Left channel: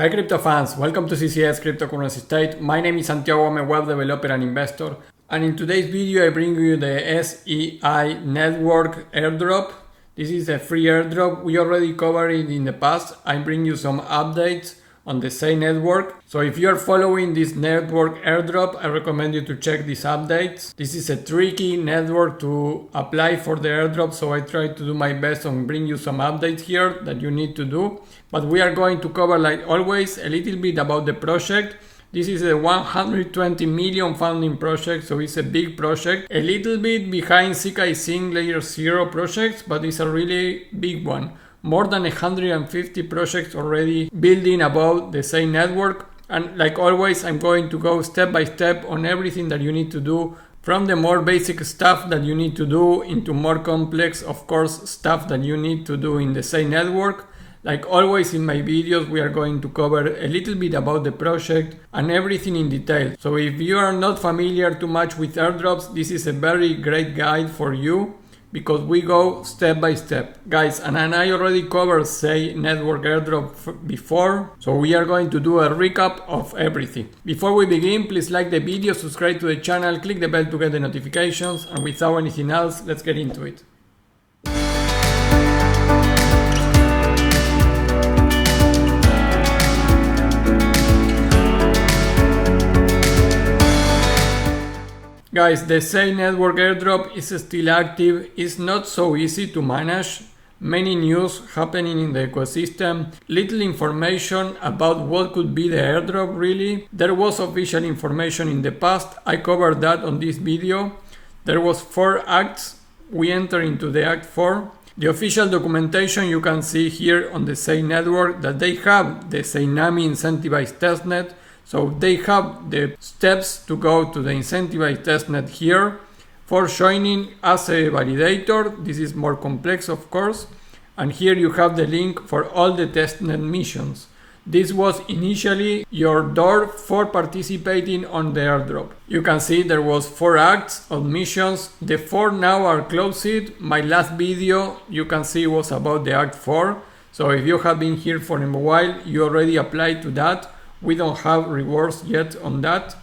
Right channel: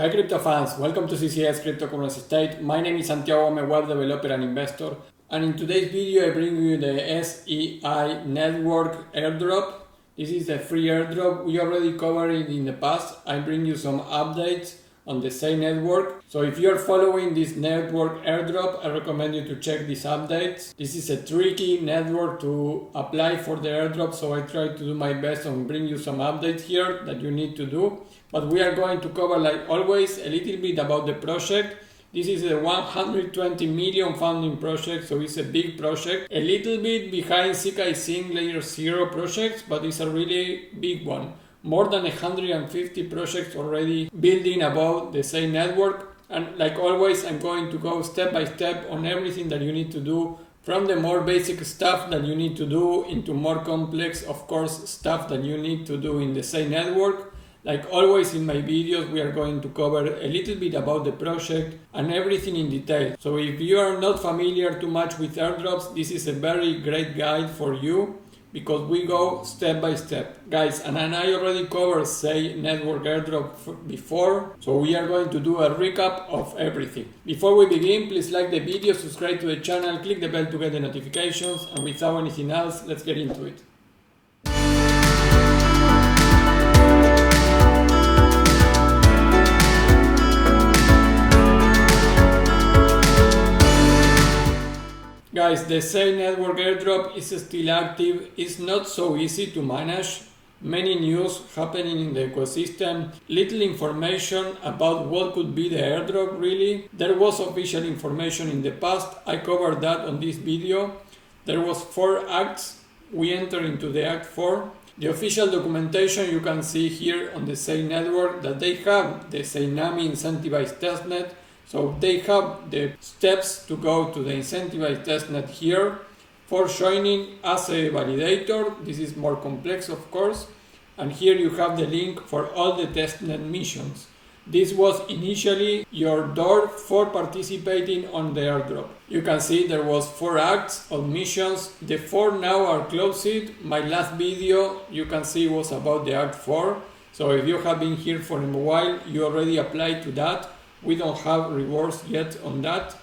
Hi crypto fans, welcome to CCS Cryptocurrency State. My name is Santiago, I'm a web developer and investor. And in today's video I bring you the SEI Network Airdrop. This is a free airdrop. We already covered it in the past. I bring you some updates on the SEI network. So if you're following this network airdrop, I recommend you to check these updates. This is a tricky network to apply for the airdrop, so I try to do my best and bring you some updates here that you need to do. But we are going to cover, like always, a little bit about the project. This is a 120 million funding project, so it's a big project. A little bit behind Zksync Layer 0 projects, but it's a really big one. More than 150 projects already building about the SEI network. And like always, I'm going to go step by step on everything that you need to do, from the more basic stuff that you need to do into more complex, of course, stuff that you need to do in the SEI network. Like always in my videos, we are going to cover a little bit about the project and everything in detail. So if you are not familiar too much with airdrops, this is a very great guide for you, because we go step by step. Guys, and I already covered SEI Network Airdrop before, so we are going to do a recap of everything. Before we begin, please like the video, subscribe to the channel, click the bell to get the notifications, and without anything else, let's get into it. Guys, the SEI Network Airdrop is still active. It's not so easy to manage. Many news happening in the ecosystem. Little information about what could be the airdrop really. There was official information in the past. I covered that on this video. There was 4 acts. We enter into the act 4. The official documentation you can see here on the SEI network, that they have the SEINAMI incentivized testnet. So they have the steps to go to the incentivized testnet here. For joining as a validator, this is more complex of course. And here you have the link for all the testnet missions. This was initially your door for participating on the airdrop. You can see there was 4 acts of missions. The 4 now are closed. My last video you can see was about the act 4. So if you have been here for a while, you already applied to that. We don't have rewards yet on that,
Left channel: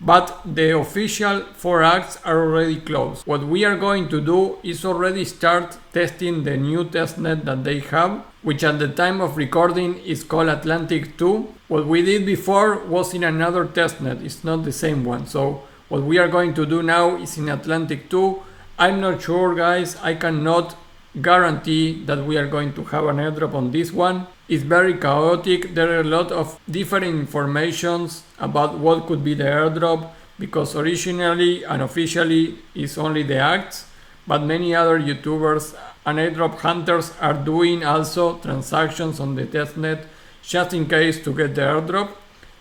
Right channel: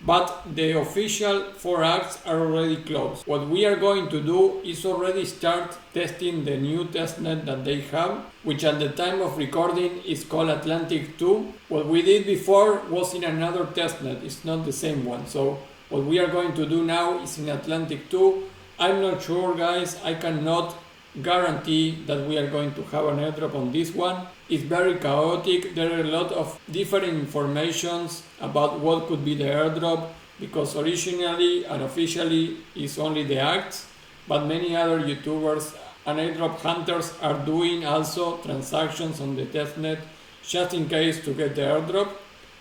but the official 4 acts are already closed. What we are going to do is already start testing the new testnet that they have, which at the time of recording is called Atlantic 2. What we did before was in another testnet, it's not the same one. So what we are going to do now is in Atlantic 2. I'm not sure, guys, I cannot guarantee that we are going to have an airdrop on this one. It's very chaotic. There are a lot of different informations about what could be the airdrop, because originally and officially it's only the acts, but many other YouTubers and airdrop hunters are doing also transactions on the testnet just in case to get the airdrop.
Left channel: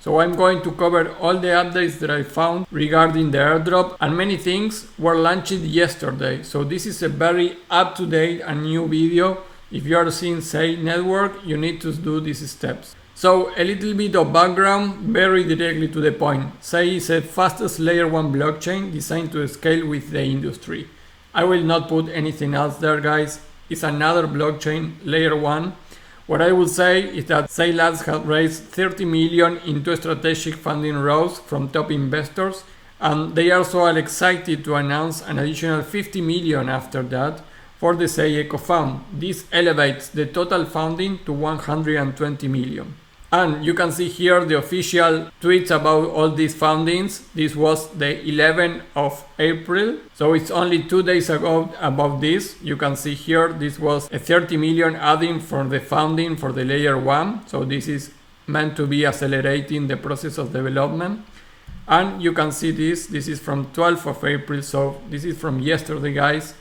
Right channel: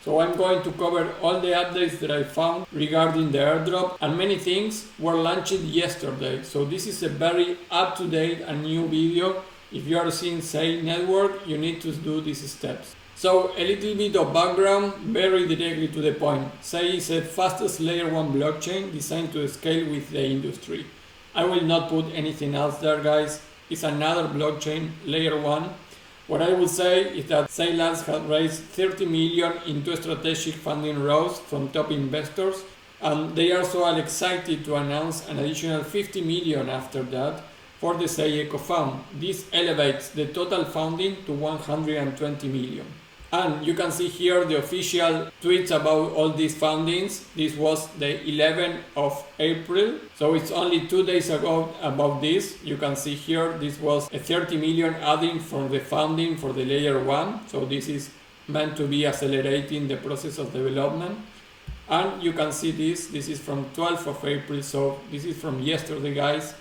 So I'm going to cover all the updates that I found regarding the airdrop, and many things were launched yesterday. So this is a very up-to-date and new video. If you are seeing SEI network, you need to do these steps. So a little bit of background, very directly to the point. SEI is the fastest layer 1 blockchain designed to scale with the industry. I will not put anything else there, guys. It's another blockchain, layer 1. What I will say is that SEI Labs has raised 30 million into strategic funding rounds from top investors, and they also are excited to announce an additional 50 million after that for the SEI Eco Fund. This elevates the total funding to 120 million. And you can see here the official tweets about all these fundings. This was the 11th of April. So it's only 2 days ago about this. You can see here, this was a 30 million adding for the funding for the layer 1. So this is meant to be accelerating the process of development. And you can see this is from 12th of April. So this is from yesterday, guys.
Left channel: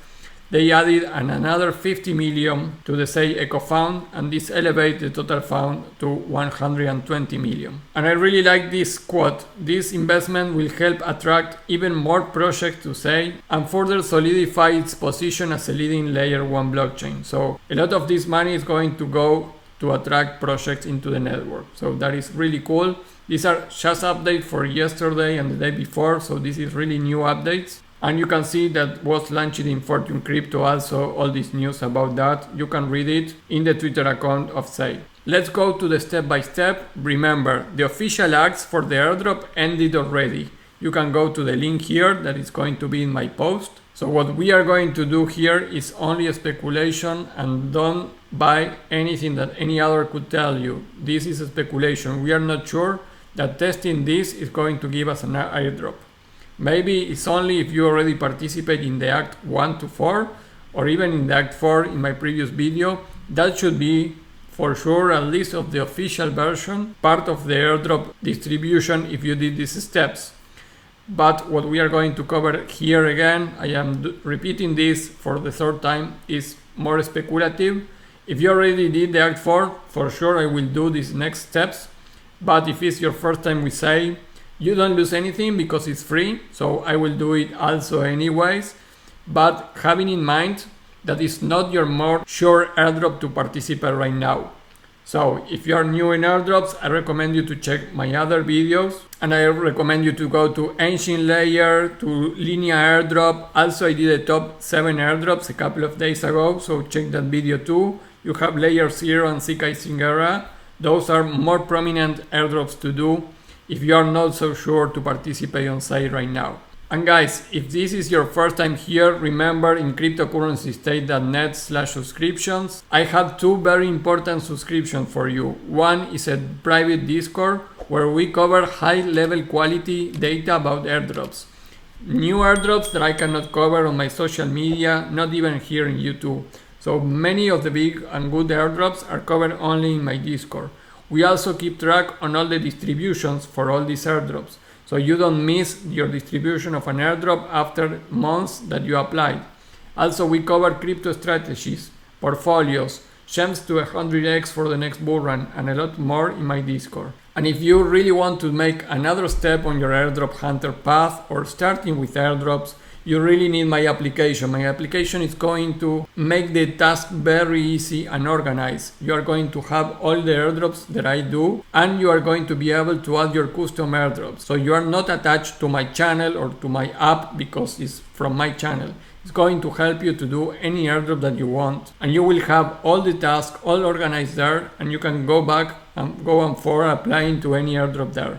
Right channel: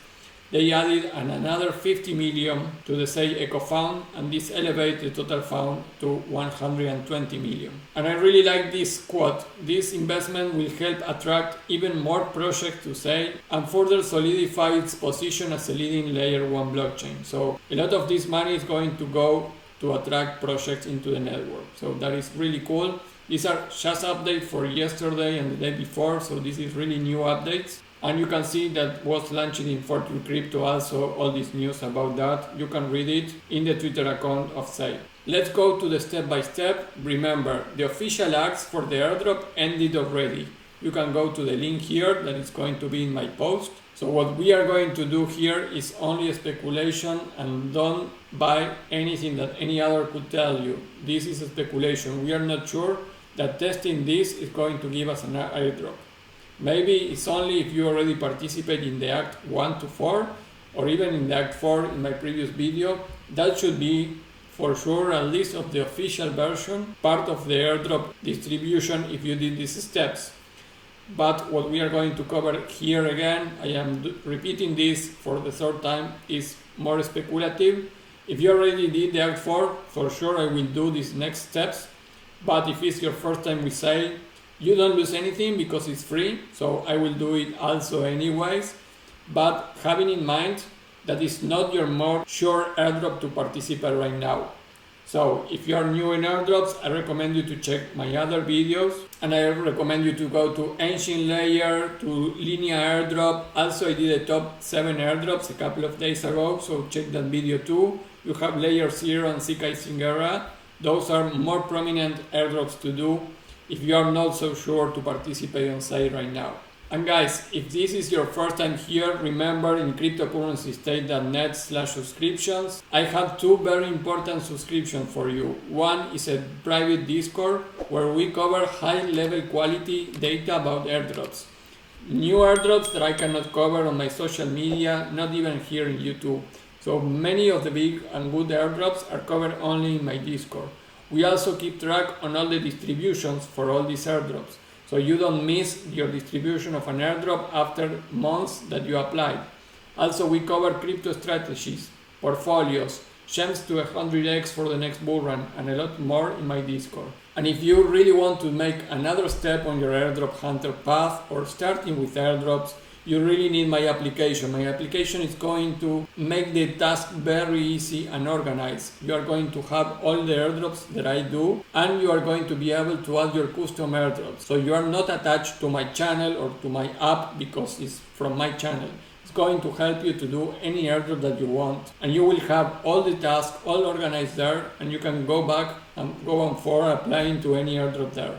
They added another 50 million to the SEI Eco Fund, and this elevates the total fund to 120 million. And I really like this quote: "This investment will help attract even more projects to SEI and further solidify its position as a leading layer 1 blockchain." So a lot of this money is going to go to attract projects into the network. So that is really cool. These are just updates for yesterday and the day before, so this is really new updates. And you can see that was launched in Fortune Crypto also, all this news about that. You can read it in the Twitter account of SEI. Let's go to the step by step. Remember, the official acts for the airdrop ended already. You can go to the link here that is going to be in my post. So what we are going to do here is only a speculation, and don't buy anything that any other could tell you. This is a speculation. We are not sure that testing this is going to give us an airdrop. Maybe it's only if you already participate in the Act 1 to 4 or even in the Act 4 in my previous video. That should be for sure at least of the official version, part of the airdrop distribution if you did these steps. But what we are going to cover here again, I am repeating this for the third time, is more speculative. If you already did the Act 4, for sure I will do these next steps. But if it's your first time with SEI, you don't lose anything because it's free, so I will do it also anyways. But having in mind that it's not your more sure airdrop to participate right now. So if you are new in airdrops, I recommend you to check my other videos, and I recommend you to go to Ancient Layer, to Linear Airdrop. Also I did a top 7 airdrops a couple of days ago, so check that video too. You have Layer 0 and Zksync era. Those are more prominent airdrops to do if you are not so sure to participate on SEI right now. And guys, if this is your first time here, remember in cryptocurrencystate.net/subscriptions, I have 2 very important subscriptions for you. One is a private Discord where we cover high level quality data about airdrops. New airdrops that I cannot cover on my social media, not even here in YouTube. So many of the big and good airdrops are covered only in my Discord. We also keep track on all the distributions for all these airdrops, so you don't miss your distribution of an airdrop after months that you applied. Also, we cover crypto strategies, portfolios, gems to 100x for the next bull run, and a lot more in my Discord. And if you really want to make another step on your airdrop hunter path or starting with airdrops, you really need my application. My application is going to make the task very easy and organized. You are going to have all the airdrops that I do, and you are going to be able to add your custom airdrops. So you are not attached to my channel or to my app because it's from my channel. It's going to help you to do any airdrop that you want, and you will have all the tasks all organized there, and you can go back and go on for applying to any airdrop there.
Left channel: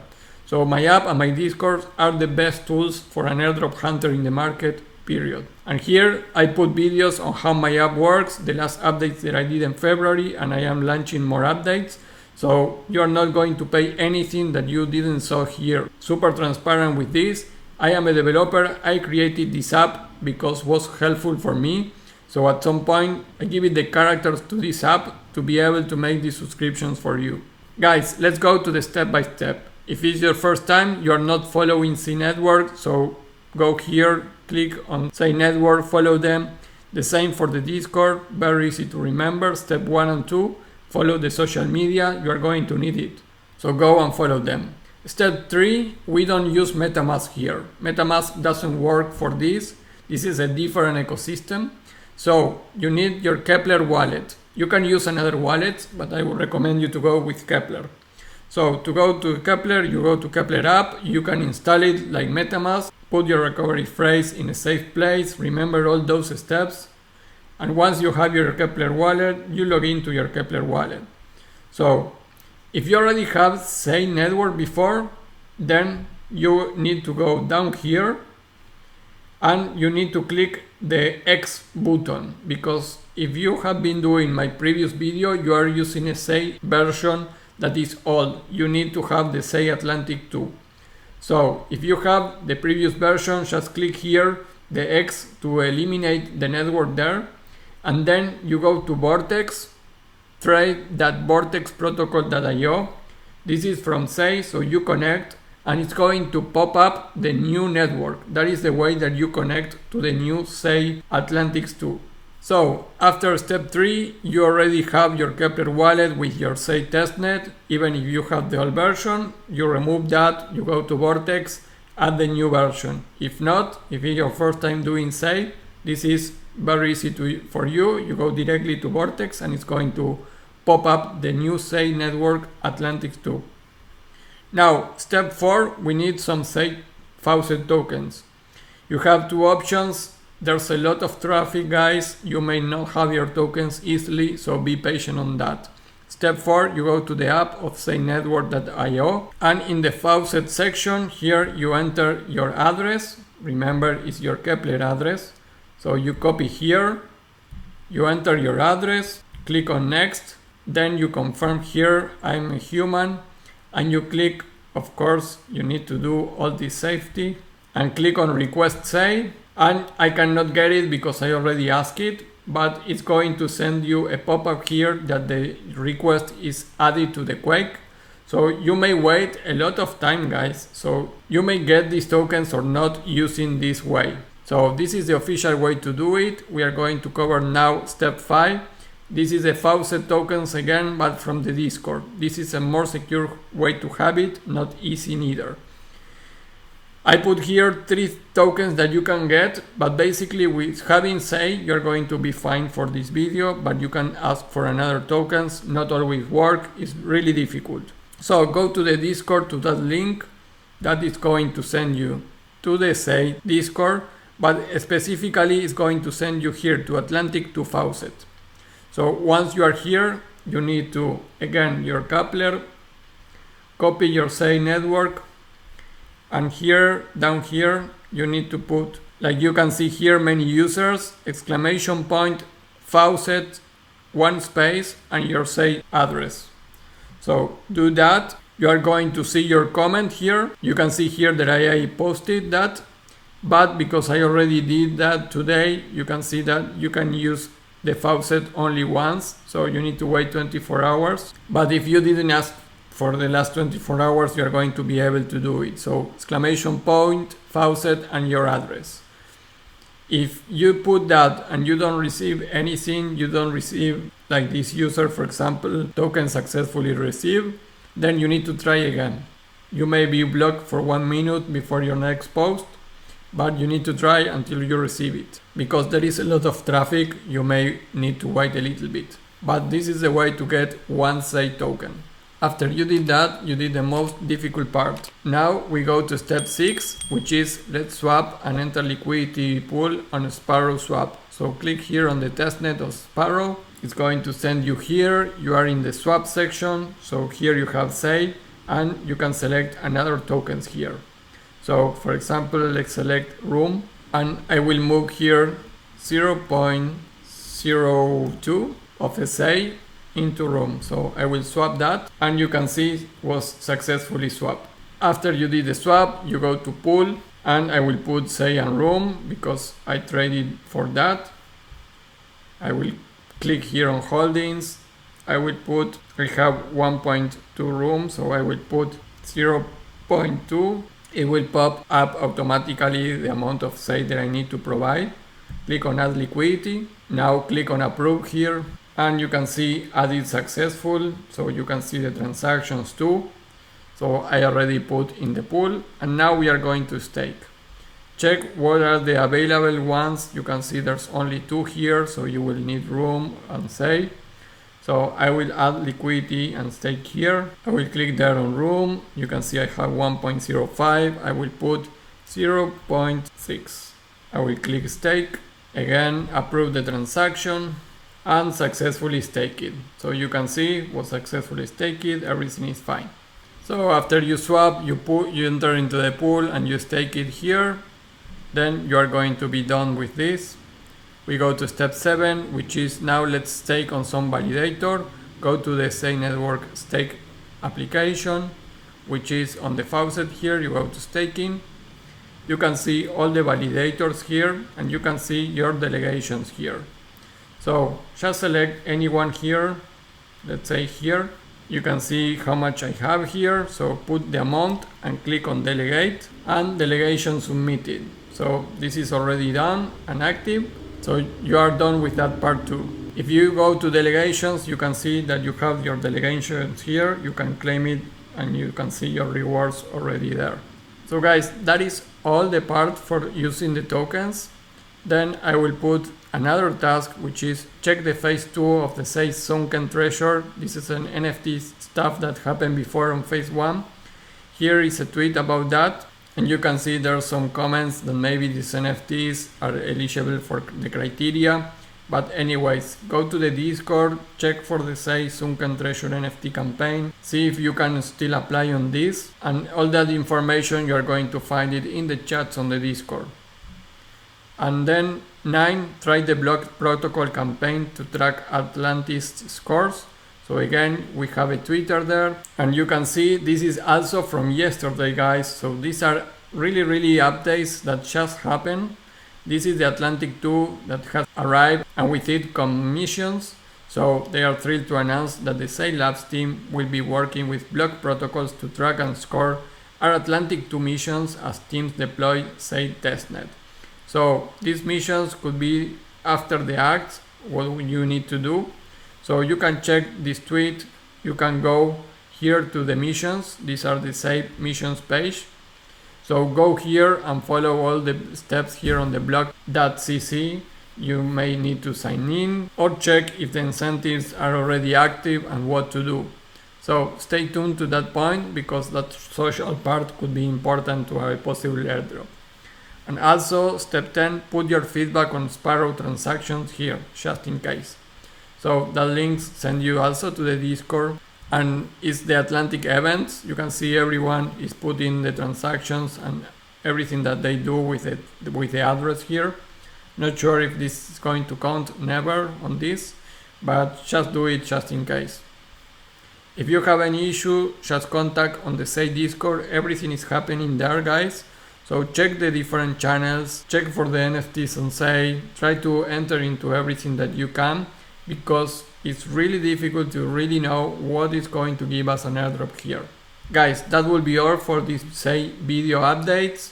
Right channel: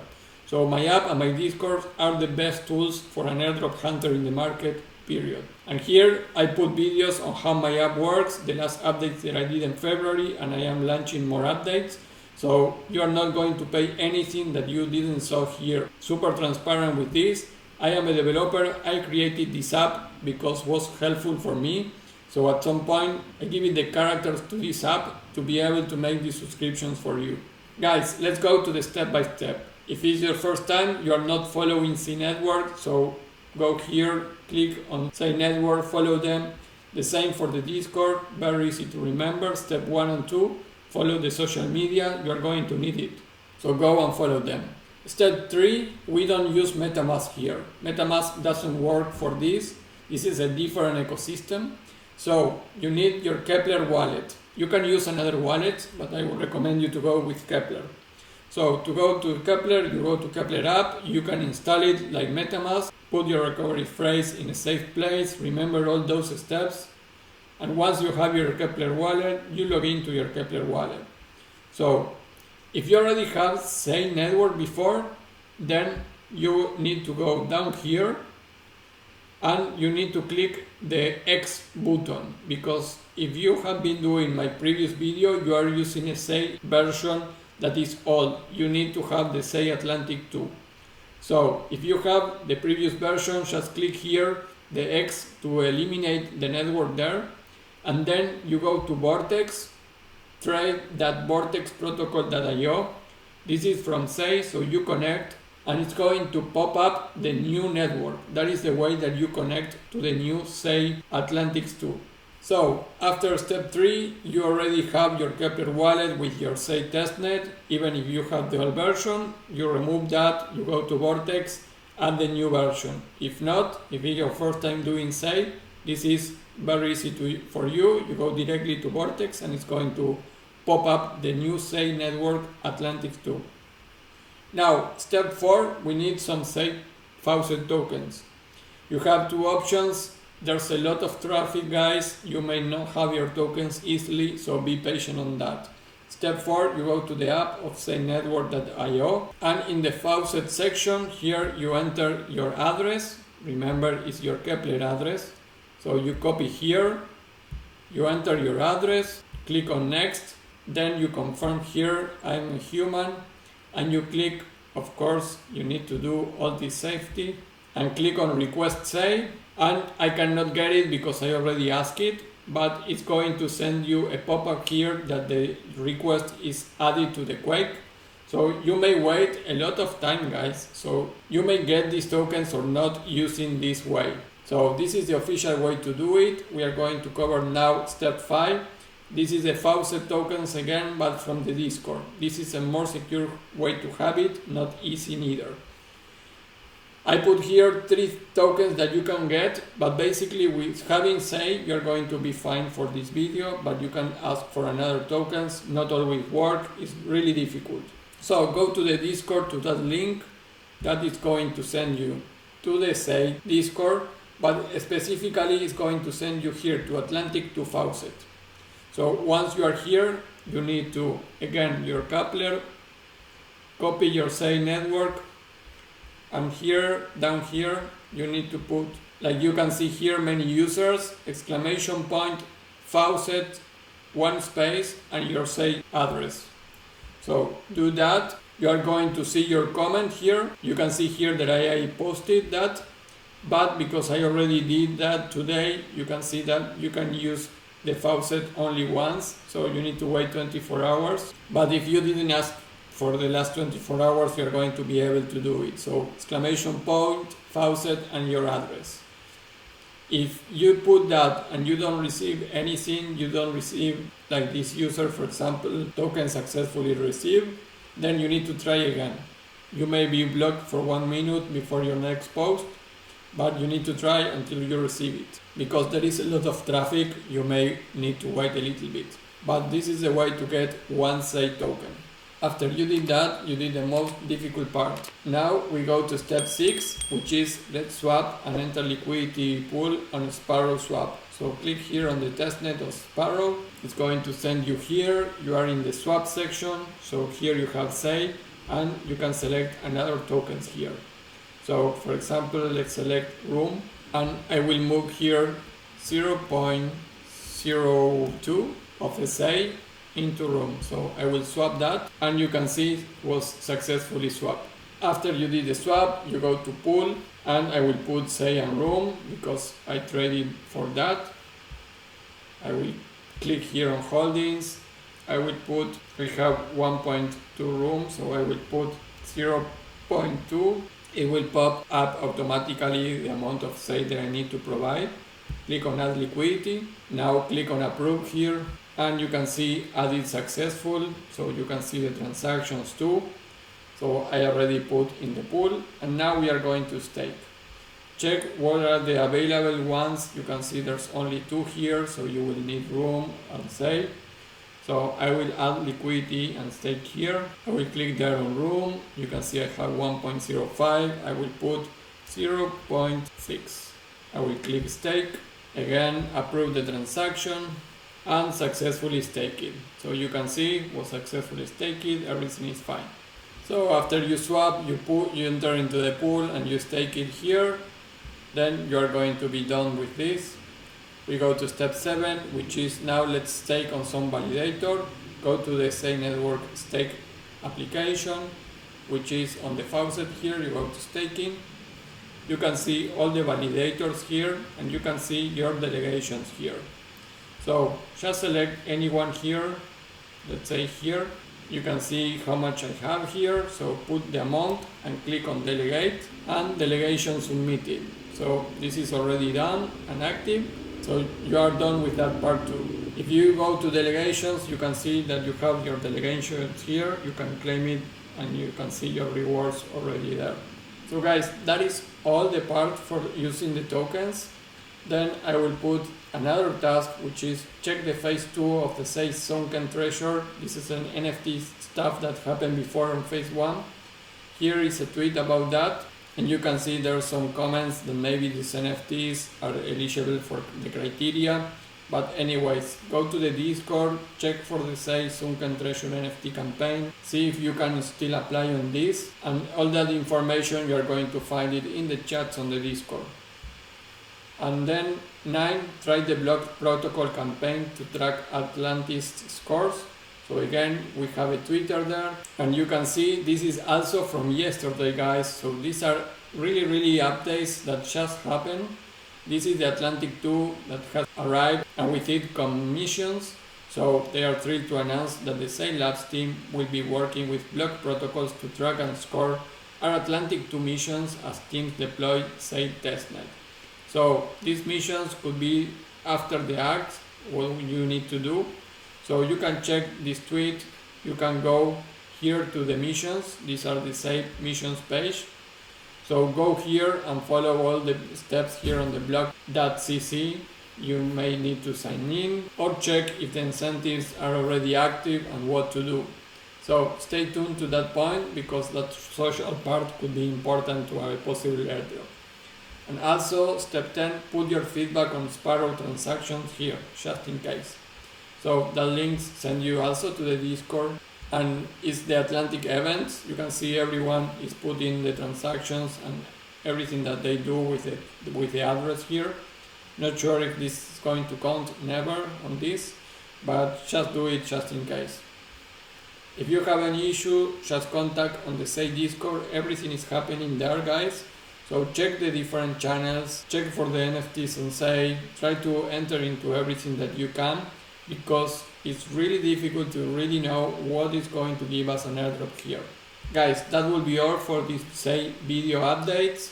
So my app and my Discord are the best tools for an airdrop hunter in the market, period. And here I put videos on how my app works, the last updates that I did in February, and I am launching more updates. So you are not going to pay anything that you didn't saw here. Super transparent with this. I am a developer. I created this app because it was helpful for me. So at some point I give it the characters to this app to be able to make these subscriptions for you. Guys, let's go to the step by step. If it's your first time, you are not following SEI Network, so go here, click on SEI Network, follow them. The same for the Discord, very easy to remember. Step 1 and 2, follow the social media, you are going to need it. So go and follow them. Step 3, we don't use MetaMask here. MetaMask doesn't work for this. This is a different ecosystem. So you need your Kepler wallet. You can use another wallet, but I would recommend you to go with Kepler. So to go to Kepler, you go to Kepler app, you can install it like MetaMask, put your recovery phrase in a safe place, remember all those steps, and once you have your Kepler wallet, you log into your Kepler wallet. So if you already have SEI Network before, then you need to go down here and you need to click the X button, because if you have been doing my previous video, you are using a SEI version that is old. You need to have the SEI Atlantic 2. So if you have the previous version, just click here the X to eliminate the network there, and then you go to Vortex, trade that Vortex protocol.io. This is from SEI, so you connect and it's going to pop up the new network. That is the way that you connect to the new SEI Atlantic 2. So after step 3, you already have your Kepler wallet with your SEI testnet. Even if you have the old version, you remove that, you go to Vortex, add the new version. If not, if it's your first time doing SEI, this is very easy for you. You go directly to Vortex and it's going to pop up the new SEI network Atlantic 2. Now, step 4, we need some SEI Faucet tokens. You have 2 options. There's a lot of traffic, guys. You may not have your tokens easily, so be patient on that. Step 4, you go to the app of SEINetwork.io, and in the Faucet section here you enter your address. Remember, it's your Kepler address. So you copy here, you enter your address, click on next, then you confirm here I'm a human, and you click, of course you need to do all this safety, and click on request SEI. And I cannot get it because I already asked it, but it's going to send you a pop-up here that the request is added to the Quake. So you may wait a lot of time, guys, so you may get these tokens or not using this way. So this is the official way to do it. We are going to cover now step 5. This is a Faucet tokens again, but from the Discord. This is a more secure way to have it, not easy neither. I put here 3 tokens that you can get, but basically with having SEI, you're going to be fine for this video, but you can ask for another tokens, not always work, it's really difficult. So go to the Discord, to that link, that is going to send you to the SEI Discord, but specifically it's going to send you here to Atlantic to Faucet. So once you are here, you need to, again, your Kepler, copy your SEI network, and here, down here, you need to put, like you can see here, many users, exclamation point, Faucet, 1 space, and your SEI address. So do that. You are going to see your comment here. You can see here that I posted that, but because I already did that today, you can see that you can use the Faucet only once, so you need to wait 24 hours. But if you didn't ask for the last 24 hours, you are going to be able to do it. So exclamation point, Faucet, and your address. If you put that and you don't receive anything, you don't receive, like this user, for example, token successfully received, then you need to try again. You may be blocked for 1 minute before your next post, but you need to try until you receive it. Because there is a lot of traffic, you may need to wait a little bit. But this is the way to get 1 SEI token. After you did that, you did the most difficult part. Now we go to step 6, which is let's swap and enter liquidity pool on Sparrow swap. So click here on the testnet of Sparrow. It's going to send you here. You are in the swap section. So here you have SEI, and you can select another tokens here. So for example, let's select room, and I will move here 0.02 of SEI into room. So I will swap that, and you can see it was successfully swapped. After you did the swap, you go to pool, and I will put SEI and room because I traded for that. I will click here on holdings. I have 1.2 room, so I will put 0.2. It will pop up automatically the amount of SEI that I need to provide. Click on add liquidity. Now click on approve here, and you can see added successful, so you can see the transactions too. So I already put in the pool, and now we are going to stake. Check what are the available ones. You can see there's only 2 here, so you will need room and SEI. So I will add liquidity and stake here. I will click there on room. You can see I have 1.05. I will put 0.6. I will click stake. Again, approve the transaction and successfully stake it. So you can see it was successfully staked. Everything is fine. So after you swap, you enter into the pool and you stake it here. Then you are going to be done with this. We go to step 7, which is now let's stake on some validator. Go to the SEI Network stake application, which is on the Faucet here. You go to staking. You can see all the validators here, and you can see your delegations here. So just select anyone here. Let's say here. You can see how much I have here. So put the amount and click on delegate, and delegation submitted. So this is already done and active. So you are done with that part too. If you go to delegations, you can see that you have your delegations here. You can claim it and you can see your rewards already there. So guys, that is all the part for using the tokens. Then I will put another task, which is check the phase 2 of the SEI Sunken treasure. This is an NFT stuff that happened before on phase 1. Here is a tweet about that. And you can see there are some comments that maybe these NFTs are eligible for the criteria. But anyways, go to the Discord, check for the SEI Sunken Treasure NFT campaign, see if you can still apply on this, and all that information you are going to find it in the chats on the Discord. And then 9, try the block protocol campaign to track Atlantis scores. So again, we have a Twitter there, and you can see this is also from yesterday, guys. So these are really updates that just happened. This is the Atlantic 2 that has arrived, and with it commissions. So they are thrilled to announce that the SEI Labs team will be working with block protocols to track and score our Atlantic 2 missions as teams deploy SEI testnet. So these missions could be after the acts, what you need to do. So you can check this tweet, you can go here to the missions, these are the SEI missions page. So go here and follow all the steps here on the block.cc. You may need to sign in or check if the incentives are already active and what to do. So stay tuned to that point because that social part could be important to a possible airdrop. And also step 10, put your feedback on Sparrow transactions here, just in case. So the links send you also to the Discord. And it's the Atlantic events. You can see everyone is putting the transactions and everything that they do with the address here. Not sure if this is going to count, never on this, but just do it just in case. If you have any issue, just contact on the SEI Discord. Everything is happening there, guys. So check the different channels, check for the NFTs on SEI, try to enter into everything that you can, because it's really difficult to really know what is going to give us an airdrop here. Guys, that will be all for this SEI video updates.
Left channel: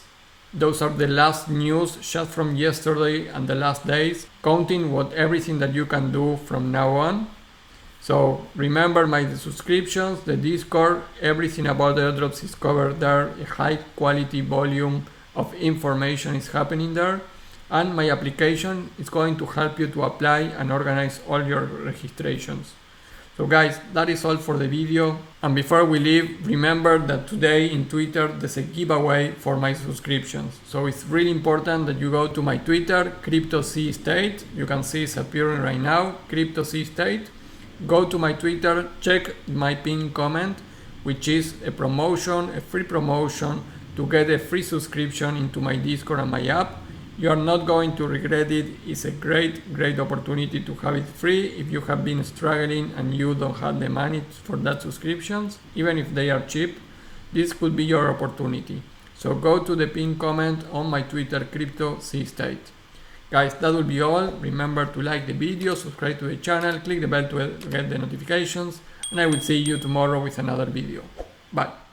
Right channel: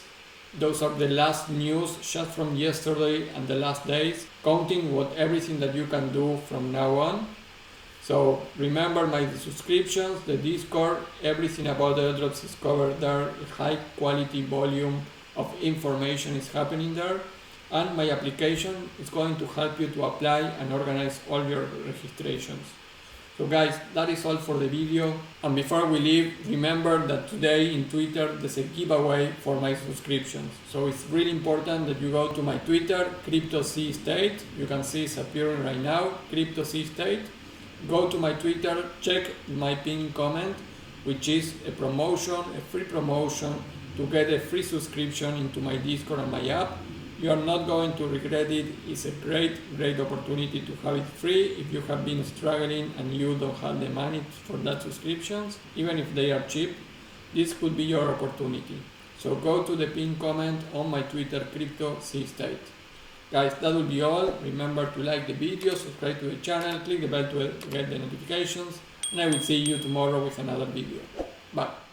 Those are the last news just from yesterday and the last days, counting everything that you can do from now on. So remember my subscriptions, the Discord, everything about the airdrops is covered there. A high quality volume of information is happening there. And my application is going to help you to apply and organize all your registrations. So guys, that is all for the video. And before we leave, remember that today in Twitter there's a giveaway for my subscriptions. So it's really important that you go to my Twitter, CryptoCState. You can see it's appearing right now, CryptoCState. Go to my Twitter, check my pinned comment, which is a promotion, a free promotion to get a free subscription into my Discord and my app. You are not going to regret it. It's a great opportunity to have it free if you have been struggling and you don't have the money for that subscriptions. Even if they are cheap, this could be your opportunity. So go to the pinned comment on my Twitter, CryptoCState. Guys, that will be all. Remember to like the video, subscribe to the channel, click the bell to get the notifications, and I will see you tomorrow with another video. Bye.